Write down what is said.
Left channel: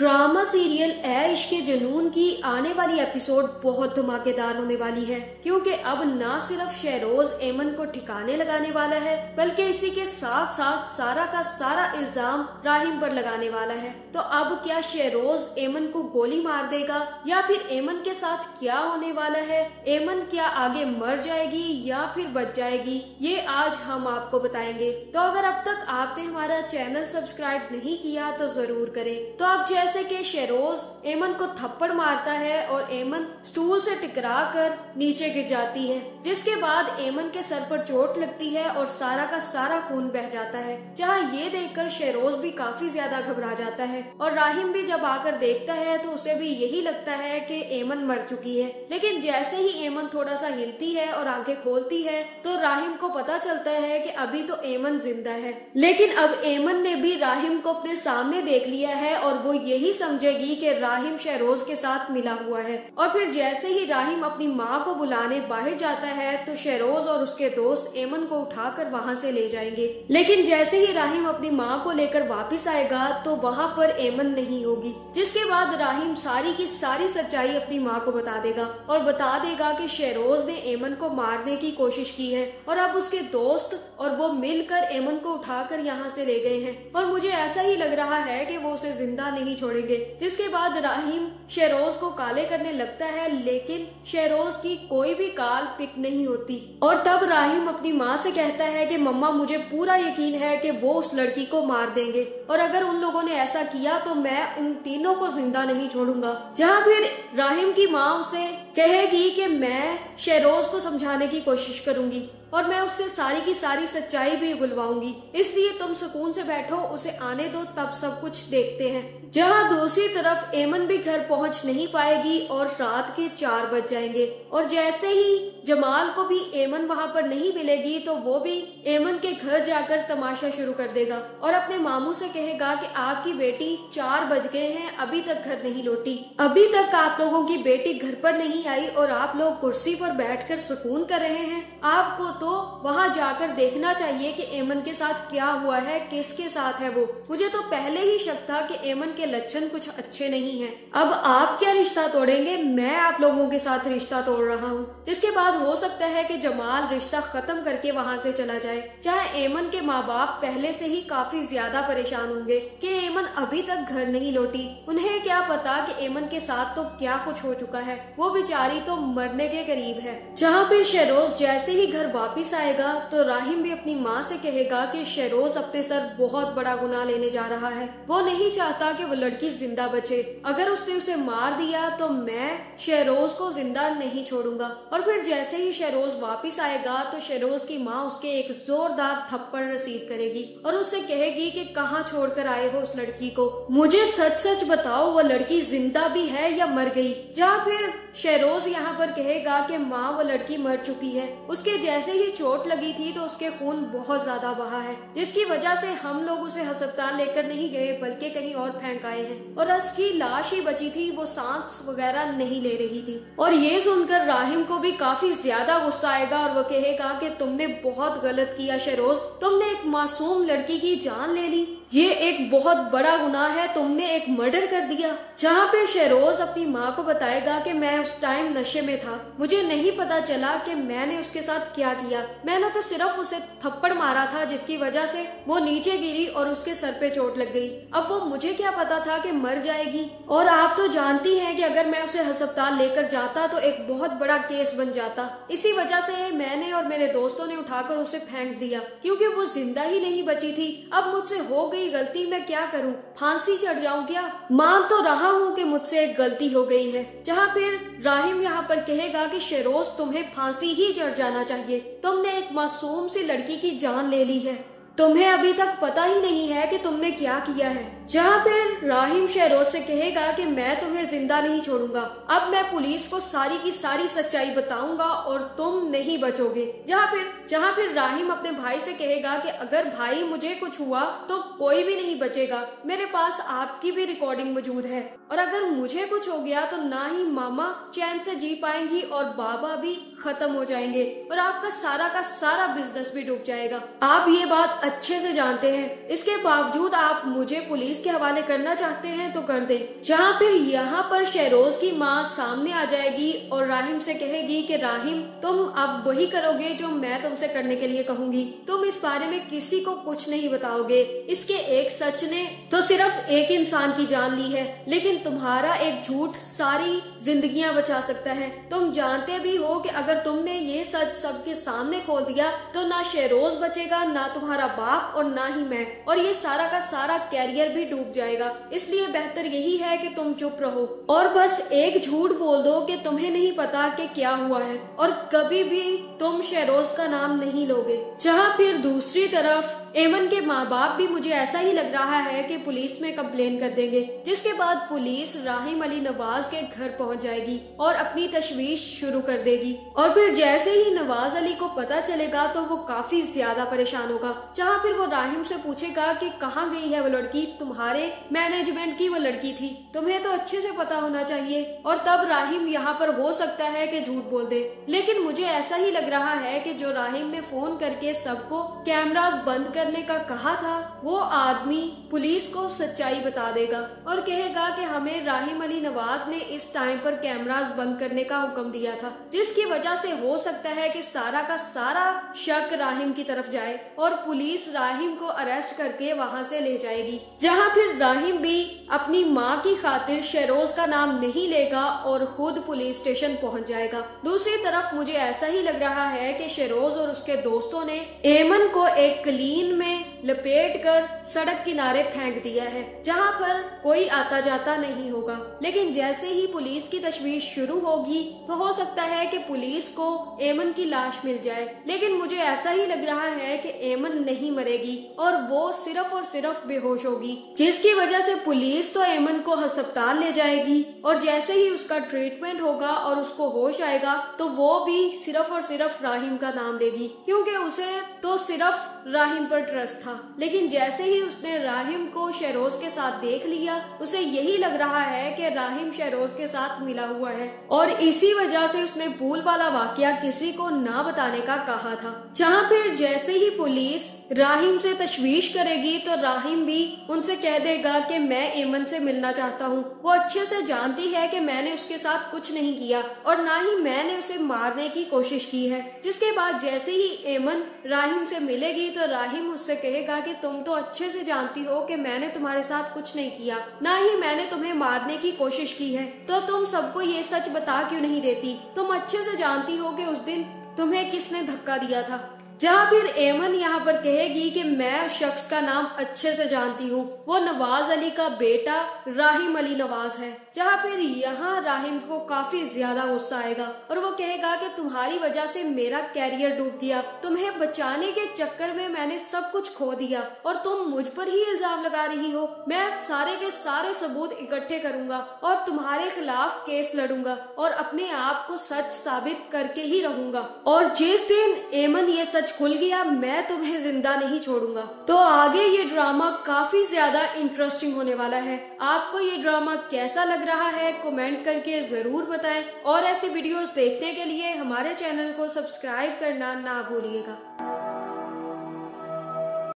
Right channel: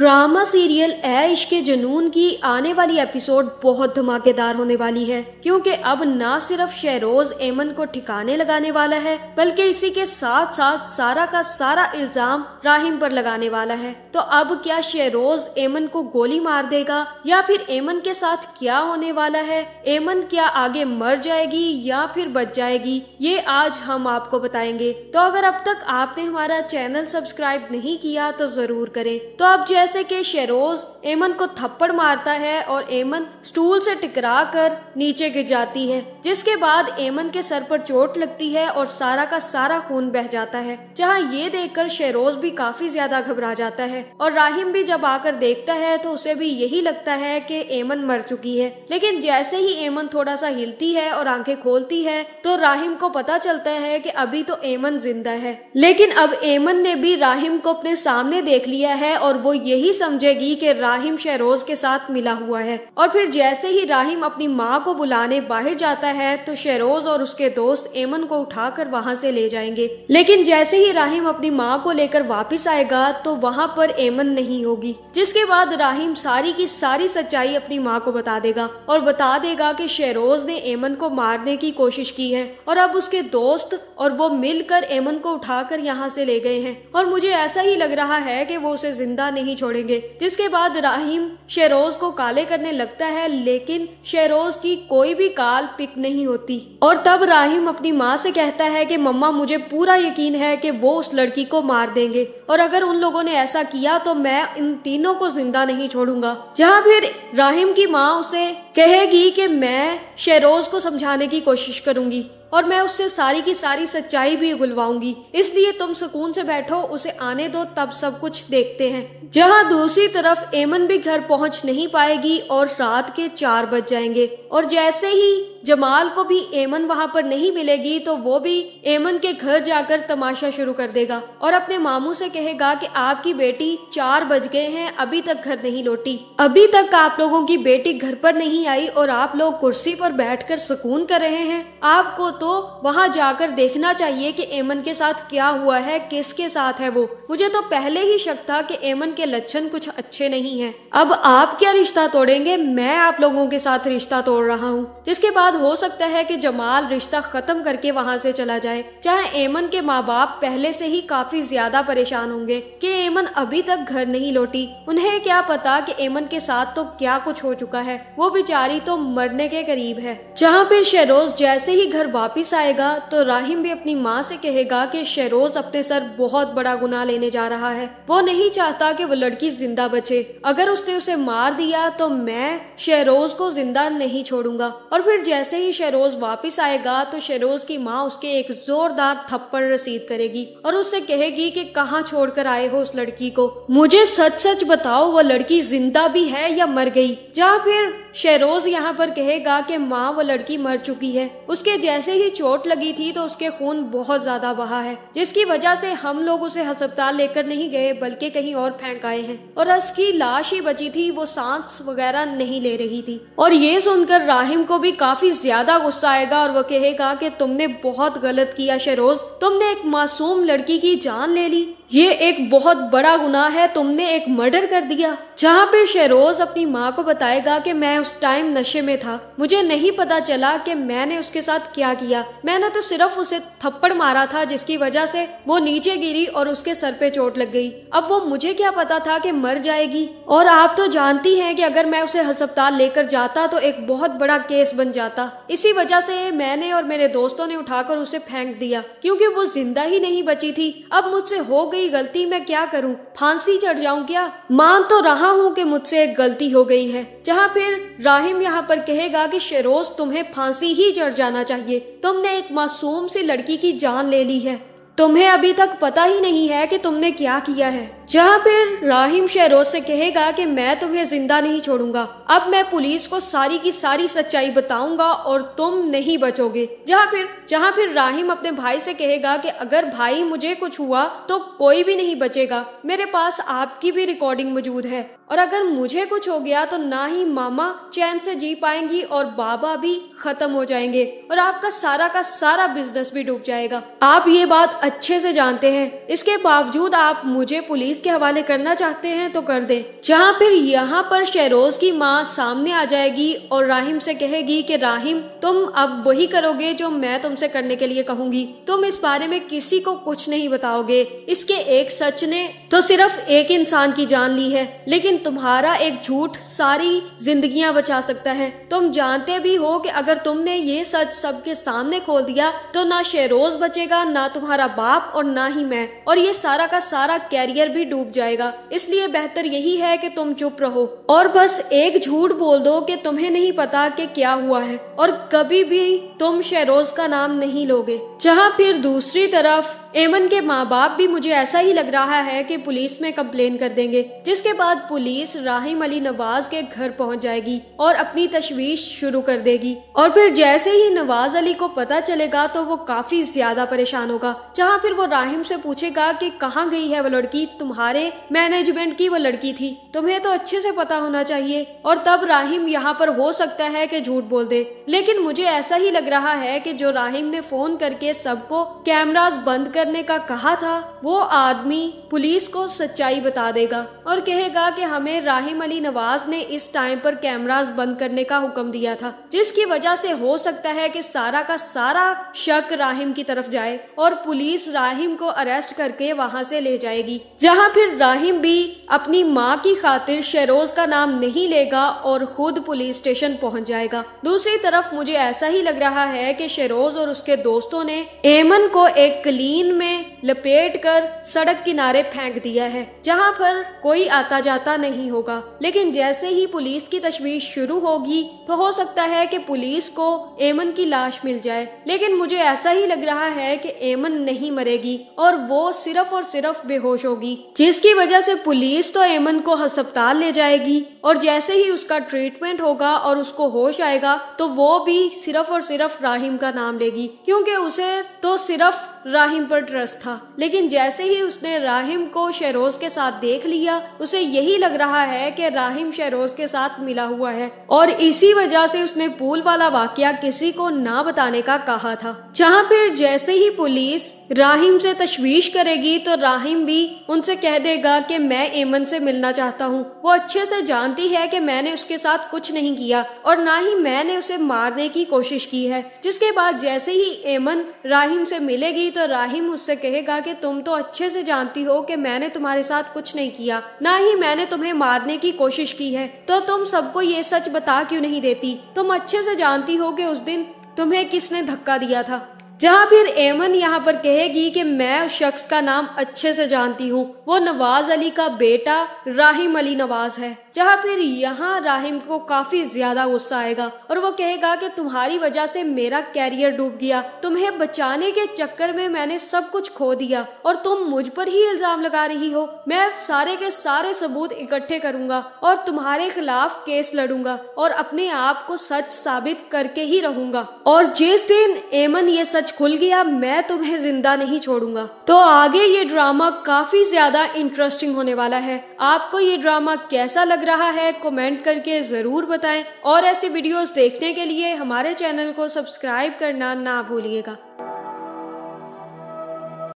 Drama serial ऐ इश्क़े जुनून की आने वाली एपिसोड बहुत धमाकेदार होने वाली है, क्योंकि अब ना सिर्फ शहरोज एमन को ठिकाने लगाने वाला है, बल्कि इसी के साथ साथ सारा का सारा इल्जाम राहिम पर लगाने वाला है। तो अब क्या शहरोज एमन को गोली मार देगा या फिर एमन के साथ क्या होने वाला है? एमन क्या आगे मर जाएगी या फिर बच जाएगी? ये आज हम आपको बताएंगे। तो अगर अब तक आपने हमारा चैनल सब्सक्राइब नहीं किया तो जरूर करें। तो अब जैसे कि शहरोज एमन को थप्पड़ मारता है और एमन स्टूल से टकरा कर नीचे गिर जाती है, जिसके बाद एमन के सर पर चोट लगती है और सारा का सारा खून बह जाता है। जहां ये देखकर शहरोज भी काफी ज्यादा घबरा जाता है और राहिम भी जब आकर देखता है तो उसे भी यही लगता है कि एमन मर चुकी है। लेकिन जैसे ही एमन थोड़ा सा हिलती है और आंखें खोलती है तो राहिम को पता चलता है कि अभी तो एमन जिंदा है। लेकिन अब एमन ने भी राहिम को अपने सामने देख लिया है और वो यही समझेगी कि राहिम शहरोज के साथ मिला हुआ है। और फिर जैसे ही राहिम अपनी माँ को बुलाने बाहर जाता है तो शहरोज और उसके दोस्त एमन को उठाकर वहाँ से ले जाएंगे। लेकिन जैसे ही राहिम अपनी माँ को लेकर वापस आएगा तो वहाँ पर एमन नहीं होगी, जिसके बाद राहिम सारी की सारी सच्चाई अपनी माँ को बता देगा और बता देगा कि शहरोज ने एमन को मारने की कोशिश की है और अब उसके दोस्त और वो मिलकर एमन को उठाकर यहाँ से ले गए हैं और मुझे ऐसा ही लग रहा है कि वो उसे जिंदा नहीं छोड़ेंगे। जिसके बाद राहिम शहरोज को काले करने लगता है, लेकिन शहरोज की कोई भी काल पिक नहीं होती। और तब राहिम अपनी माँ से कहता है कि मम्मा, मुझे पूरा यकीन है कि वो उस लड़की को मार देंगे और अगर उन लोगों ने ऐसा किया तो मैं इन तीनों को जिंदा नहीं छोड़ूंगा। जहाँ फिर राहिम की माँ उसे कहेगी कि मैं शहरोज को समझाने की कोशिश करूंगी और मैं उससे सारी की सारी सच्चाई भी उगलवाऊंगी, इसलिए तुम सुकून से बैठो, उसे आने दो, तब सब कुछ देखते हैं। जहां दूसरी तरफ एमन भी घर पहुंच नहीं पाएगी और रात के 4 बज जाएंगे और जैसे ही जमाल को भी एमन वहां पर नहीं मिलेगी तो वो भी एमन के घर जाकर तमाशा शुरू कर देगा और अपने मामू से कहेगा कि आपकी बेटी 4 बज गए हैं, अभी तक घर नहीं लौटी, अभी तक आप लोगों की बेटी घर पर नहीं आई और आप लोग कुर्सी पर बैठकर सुकून कर रहे हैं। आपको तो वहां जाकर देखना चाहिए कि एमन के साथ क्या हुआ है, किसके साथ है वो। मुझे तो पहले ही शक था कि एमन के लक्षण कुछ अच्छे नहीं हैं। अब आप क्या रिश्ता तोड़ेंगे, मैं आप लोगों के साथ रिश्ता तोड़ रहा हूँ। जिसके बाद हो सकता है कि जमाल रिश्ता खत्म करके वहाँ से चला जाए। जहाँ एमन के माँ बाप पहले से ही काफी ज्यादा परेशान होंगे कि एमन अभी तक घर नहीं लौटी। उन्हें क्या पता कि एमन के साथ तो क्या कुछ हो चुका है, वो बेचारी तो मरने के करीब है। जहाँ पे शहरोज जैसे ही घर वापिस आएगा तो राहिम भी अपनी माँ से कहेगा कि शहरोज अपने सर बहुत बड़ा गुनाह लेने जा रहा है। वो नहीं चाहता कि वो लड़की जिंदा बचे। अगर उसने उसे मार दिया तो मैं शहरोज को जिंदा नहीं छोड़ूंगा। और फिर जैसे ही शहरोज वापस आएगा तो शहरोज की माँ उसके एक जोरदार थप्पड़ रसीद करेगी और उससे कहेगी कि कहाँ छोड़कर आए हो उस लड़की को, मुझे सच सच बताओ, वो लड़की जिंदा भी है या मर गई। जहाँ फिर शहरोज यहाँ पर कहेगा कि माँ, वो लड़की मर चुकी है, उसके जैसे ही चोट लगी थी तो उसके खून बहुत ज्यादा बहा है, जिसकी वजह से हम लोग उसे अस्पताल लेकर नहीं गए बल्कि कहीं और फेंक आए हैं और उसकी लाश ही बची थी, वो सांस वगैरह नहीं ले रही थी। और ये सुनकर राहिम को भी काफी ज्यादा गुस्सा आएगा और वो कहेगा कि तुमने बहुत गलत किया शहरोज, तुमने एक मासूम लड़की की जान ले ली, ये एक बहुत बड़ा गुनाह है, तुमने एक मर्डर कर दिया। जहाँ पे शहरोज अपनी माँ को बताएगा कि मैं उस टाइम नशे में था, मुझे नहीं पता चला कि मैंने उसके साथ क्या किया, मैंने तो सिर्फ उसे थप्पड़ मारा था जिसकी वजह से वो नीचे गिरी और उसके सर पे चोट लग गई। अब वो मुझे क्या पता था कि मर जाएगी। और आप तो जानती हैं कि अगर मैं उसे अस्पताल लेकर जाता तो एक बहुत बड़ा केस बन जाता। इसी वजह से मैंने और मेरे दोस्तों ने उठाकर उसे फेंक दिया क्योंकि वो जिंदा ही नहीं बची थी। अब मुझसे हो गई गलती, मैं क्या करूं, फांसी चढ़ जाऊं क्या? मान तो रहा हूं कि मुझसे एक गलती हो गई है। जहां फिर राहिम यहाँ पर कहेगा कि शहरोज, तुम्हें फांसी ही चढ़ जाना चाहिए, तुमने एक मासूम सी लड़की की जान ले ली है, तुम्हें अभी तक पता ही नहीं है कि तुमने क्या किया है। जहाँ फिर राहिम शहरोज से कहेगा कि मैं तुम्हें जिंदा नहीं छोड़ूंगा, अब मैं पुलिस को सारी की सारी सच्चाई बताऊंगा और तुम नहीं बचोगे। जहाँ फिर राहिम अपने भाई से कहेगा कि अगर भाई मुझे कुछ हुआ तो कोई भी नहीं बचेगा, मेरे पास आपकी भी रिकॉर्डिंग मौजूद है और अगर मुझे कुछ हो गया तो ना ही मामा चैन से जी पाएंगी और बाबा भी खत्म हो जाएंगे और आपका सारा का सारा बिजनेस भी डूब जाएगा। आप ये बात अच्छे से जानते हैं। इसके बावजूद आप मुझे पुलिस के हवाले करना चाहते हैं तो कर दे। जहाँ फिर यहाँ पर शहरोज की माँ सामने आ जाएगी और राहिम से कहेगी कि राहिम, तुम अब वही करोगे जो मैं तुमसे करने के लिए कहूंगी। तुम इस बारे में किसी को कुछ नहीं बताओगे। इसके एक सच ने तो सिर्फ एक इंसान की जान ली है, लेकिन तुम्हारा एक झूठ सारी जिंदगियां बचा सकता है। तुम जानते भी हो कि अगर तुमने ये सच सबके सामने खोल दिया तो ना शहरोज बचेगा, ना तुम्हारा बाप और ना ही मैं, और ये सारा का सारा कैरियर भी डूब जाएगा। इसलिए बेहतर यही है कि तुम चुप रहो और बस एक झूठ बोल दो कि तुम्हें नहीं पता कि क्या हुआ है और कभी भी तुम शहरोज का नाम नहीं लोगे। जहाँ फिर दूसरी तरफ एमन के माँ बाप भी मुझे ऐसा ही लग रहा है कि पुलिस में कंप्लेन कर देंगे, जिसके बाद पुलिस राहिम अली नवाज के घर पहुंच जाएगी और अपनी तशवीश शुरू कर देगी। और फिर जैसे ही नवाज अली को पता चलेगा तो वो काफी ज्यादा परेशान होगा। जहाँ फिर वो राहिम से पूछेगा कि कहाँ गई है वो लड़की, तुम्हारे मैनेजमेंट की वो लड़की थी, तुम्हें तो अच्छे से पता होना चाहिए। और तब राहिम यहाँ पर हो सकता है कि झूठ बोल दे, लेकिन मुझे ऐसा ही लग रहा है कि जो राहिम ने फोन करके सबको कैमरास बंद करने का कहा था, वो आदमी पुलिस को सच्चाई बता देगा और कहेगा कि हमें राहिम अली नवाज ने इस टाइम पर कैमरास बंद करने का हुक्म दिया था, जिसकी वजह से हो सकता है कि सारा का सारा शक राहिम की तरफ जाए और पुलिस राहिम को अरेस्ट करके वहां से ले जाएगी। जहां फिर राहिम भी अपनी माँ की खातिर शहरोज का नाम नहीं लेगा और खुद पुलिस स्टेशन पहुंच जाएगा। दूसरी तरफ मुझे ऐसा ही लग रहा है कि शहरोज और उसके दोस्तों ने एमन को एक क्लीन में लपेटकर सड़क किनारे फेंक दिया है, जहां पर कोई आता जाता नहीं होगा। लेकिन जैसे ही पुलिस की तशवीश शुरू होगी तो हो सकता है कि पुलिस को एमन की लाश मिल जाए, लेकिन मुझे ऐसा ही लग रहा है कि एमन नहीं मरेगी और वो सिर्फ और सिर्फ बेहोश होगी, जिसकी वजह से पुलिस तो एमन को अस्पताल ले जाएगी और जैसे ही उसका ट्रीटमेंट होगा और उसको होश आएगा तो वो भी सिर्फ और सिर्फ राहिम का नाम लेगी, क्योंकि उसे तो सिर्फ राहिम पर ट्रस्ट था। लेकिन जैसे ही उसने राहिम को शहरोज के साथ देख लिया, उसे यही लग रहा है कि राहिम शहरोज के साथ मिला हुआ है और इसी वजह से उसने पूल वाला वाकया किसी को ना बताने का कहा था। जहाँ फिर जैसे ही पुलिस राहिम से तशवीश करेगी तो राहिम भी उनसे कह देगा कि मैं एमन से मिलना चाहता हूँ। वो अच्छे से जानती है कि मैंने उसके साथ कुछ नहीं किया और ना ही मैंने उसे मारने की कोशिश की है। जिसके बाद जैसे ही एमन राहिम से मिलेगी तो राहिम उससे कहेगा कि तुम तो अच्छे से जानती हो कि मैंने तुम्हारे साथ कुछ नहीं किया, ना ही मैंने तुम्हें मारने की कोशिश की है, तो तुम सबको ये सच बता क्यों नहीं देती? तुम अच्छे से जानती हो कि उस दिन तुम्हें किसने धक्का दिया था। जहाँ फिर एमन यहाँ पर कहेगी कि मैं उस शख्स का नाम अच्छे से जानती हूँ, वो नवाज अली का बेटा राहिम अली नवाज है। जहाँ फिर यहाँ राहिम को काफी ज्यादा गुस्सा आएगा और वो कहेगा कि तुम्हारी वजह से मेरा कैरियर डूब गया, तुम्हें बचाने के चक्कर में मैंने सब कुछ खो दिया और तुम मुझ पर ही इल्जाम लगा रही हो। मैं सारे के सारे सबूत इकट्ठे करूंगा और तुम्हारे खिलाफ केस लड़ूंगा और अपने आप को सच साबित करके ही रहूंगा, और जिस दिन एमन ये सच खुल गया मैं तुम्हें जिंदा नहीं छोड़ूंगा। तो आगे ये ड्रामा काफी ज्यादा इंटरेस्टिंग होने वाला है। आपको ये ड्रामा कैसा लग रहा है कमेंट करके जरूर बताएं और ऐसी वीडियोस देखने के लिए हमारे चैनल को सब्सक्राइब करना ना भूलिएगा।